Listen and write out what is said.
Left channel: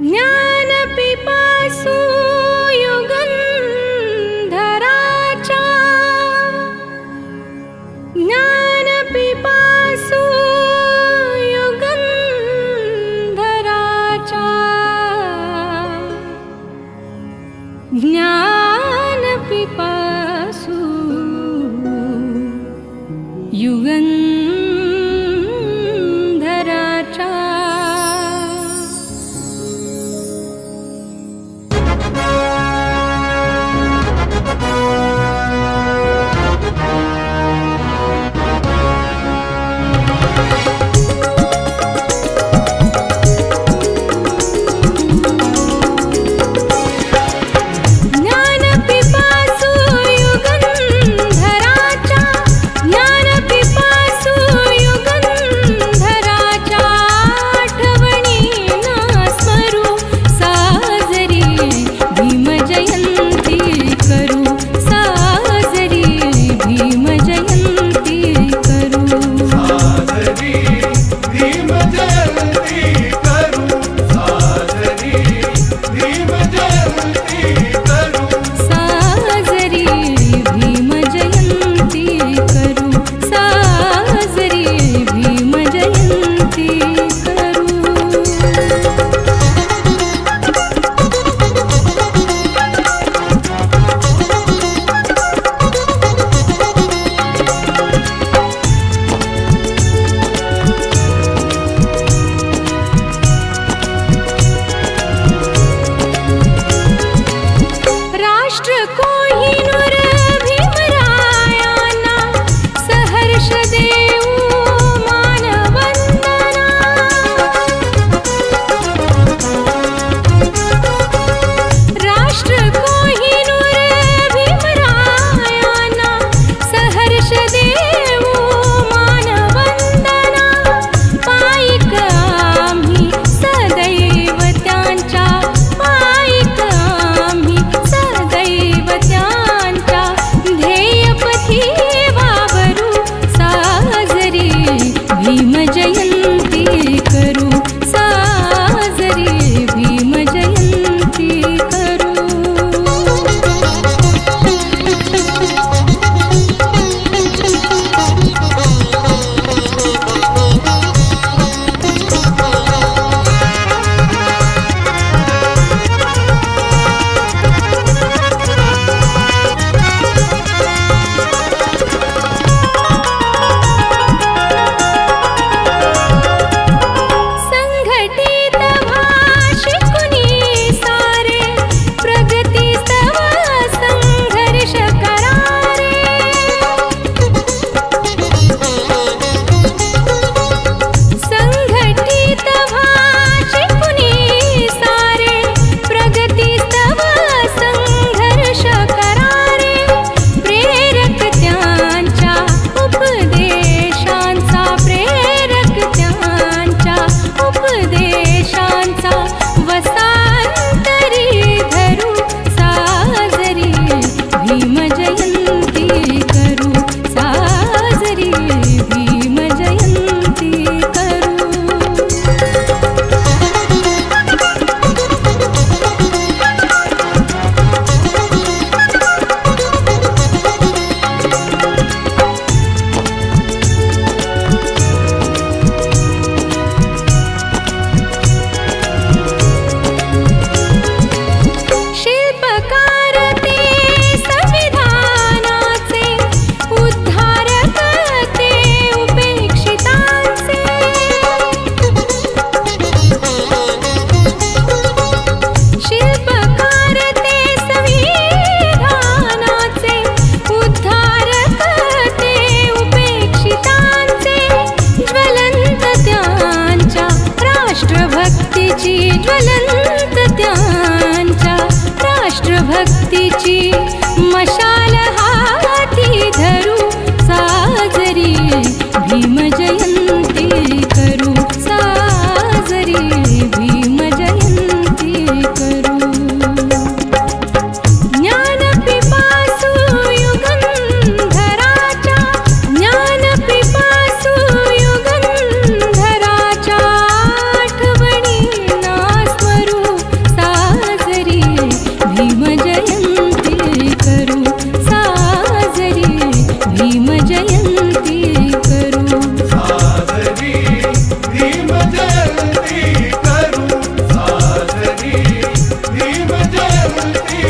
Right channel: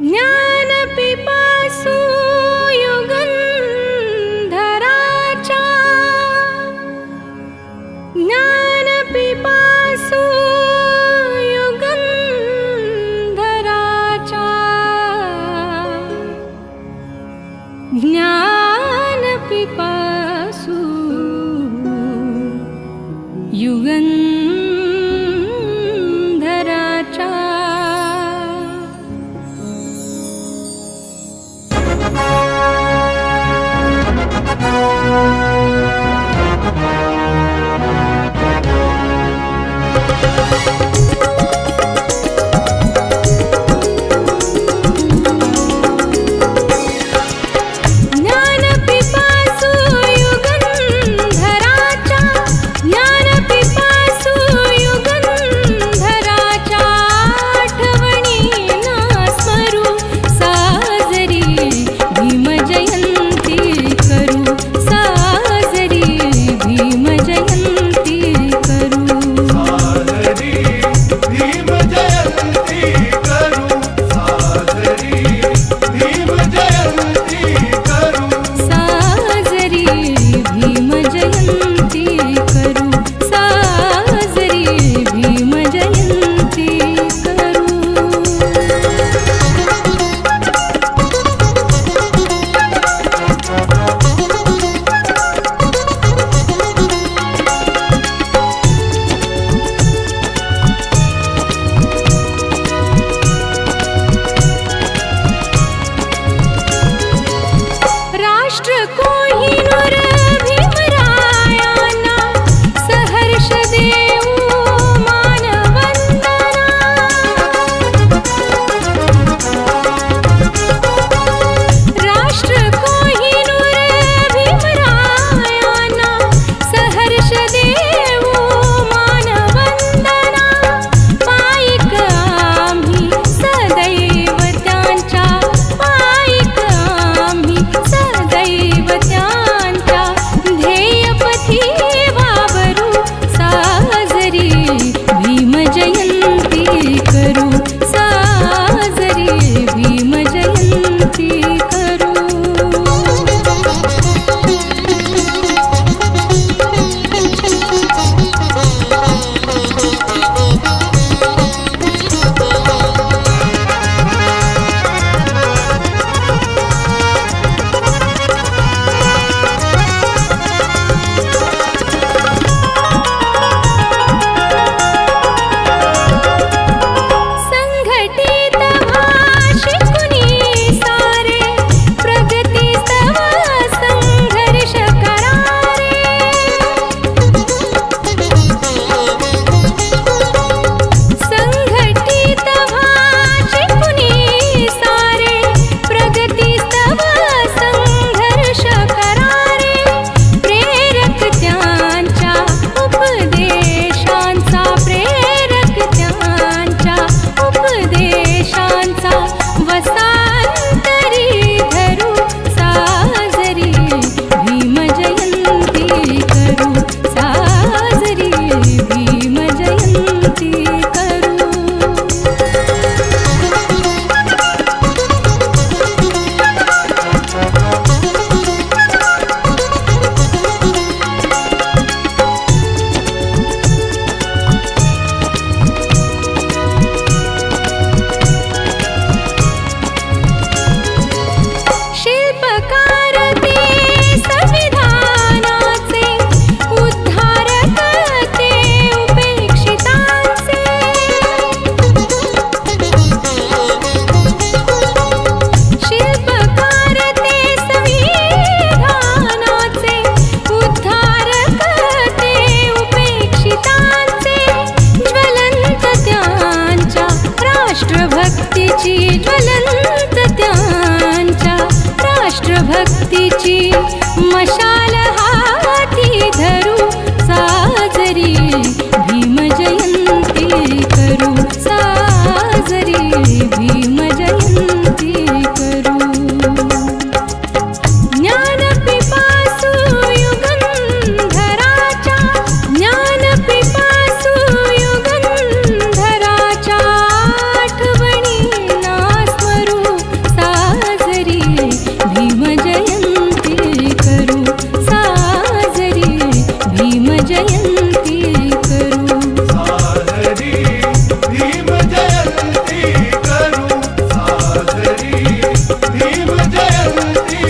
ज्ञानपिपासु युगंधराचा, ज्ञानपिपासु युगंधराचा, ज्ञानपिपासु युगंधराचा। ज्ञानपिपासु युगंधराचा, ज्ञानपिपासु युगंधराचा, आठवणीना स्मरू साजरी भीमजयंती करू, साजरी भीमजयंती करू, साजरी भीमजयंती करू, साजरी भीमजयंती करू, साजरी भीमजयंती करू, साजरी भीमजयंती करू। राष्ट्र कोहिनूर भीमरायांना सहर्ष देऊ मानवंदना, राष्ट्र कोहिनूर भीमरायांना सहर्ष देऊ मानवंदना, पायिक आम्ही सदैव त्यांच्या, पायिक आम्ही सदैव त्यांच्या, ध्येयपथी वावरू साजरी भीमजयंती करू, साजरी भीमजयंती करू। संघटित भाषिकुनी सारे, प्रगतीस्तव संघर्ष करारे, संघटित भाषिकुनी सारे, प्रगतीस्तव संघर्ष करारे, प्रेरक त्यांच्या उपदेशांचा, प्रेरक त्यांच्या उपदेशांचा, वसांतरी धरू साजरी भीमजयंती करू, साजरी भीमजयंती करू। शिल्पकार ते संविधानाचे, उद्धारक ते उपेक्षितांचे, शिल्पकार ते संविधानाचे, उद्धारक ते उपेक्षितांचे, ज्वलंत त्यांच्या राष्ट्रभक्तीची, ज्वलंत त्यांच्या राष्ट्रभक्तीची मशाल हाती धरू, साजरी भीमजयंती करू, साजरी भीमजयंती करू। ज्ञानपिपासु युगंधराचा, ज्ञानपिपासु युगंधराचा, आठवणीना स्मरू जयंती करू साजरी भीम जयंती करू साजरी भीम जयंती